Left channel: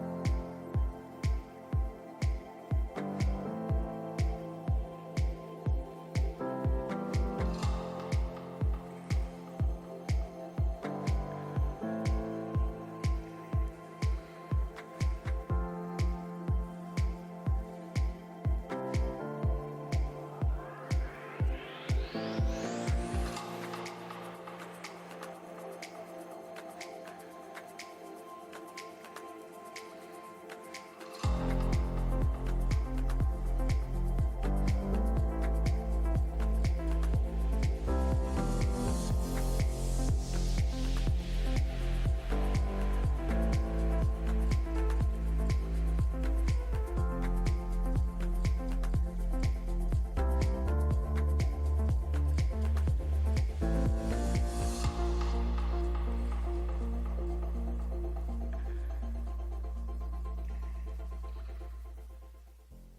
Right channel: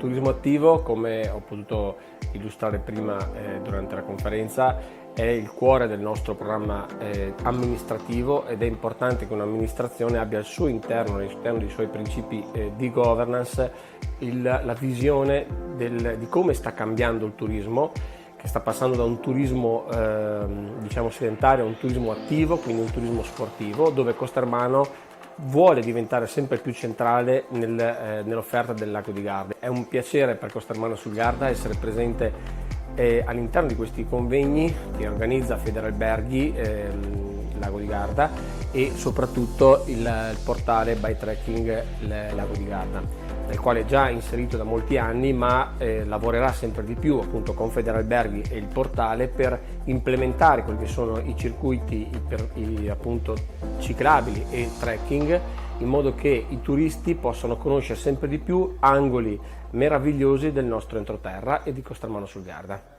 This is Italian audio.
turismo attivo, come ho potuto illustrare prima durante la conferenza, è il cuore del nostro programma amministrativo, ed è importante che un'amministrazione abbia al suo interno, all'interno dei suoi principi di governance, la visione di come sta cambiando il turismo, che sta passando da un turismo sedentario a un turismo attivo, quindi un turismo sportivo, dove Costermano vuole diventare sempre più centrale nell'offerta del Lago di Garda. È un piacere per Costermano sul Garda essere presente all'interno di questi convegni che organizza Federalberghi Lago di Garda, e soprattutto il portale By Trekking Lago di Garda, nel quale è già inserito da molti anni, ma lavorerà sempre di più appunto con Federalberghi e il portale per implementare quelli che sono i circuiti appunto ciclabili e trekking, in modo che i turisti possano conoscere sempre di più angoli meravigliosi del nostro entroterra e di Costermano sul Garda.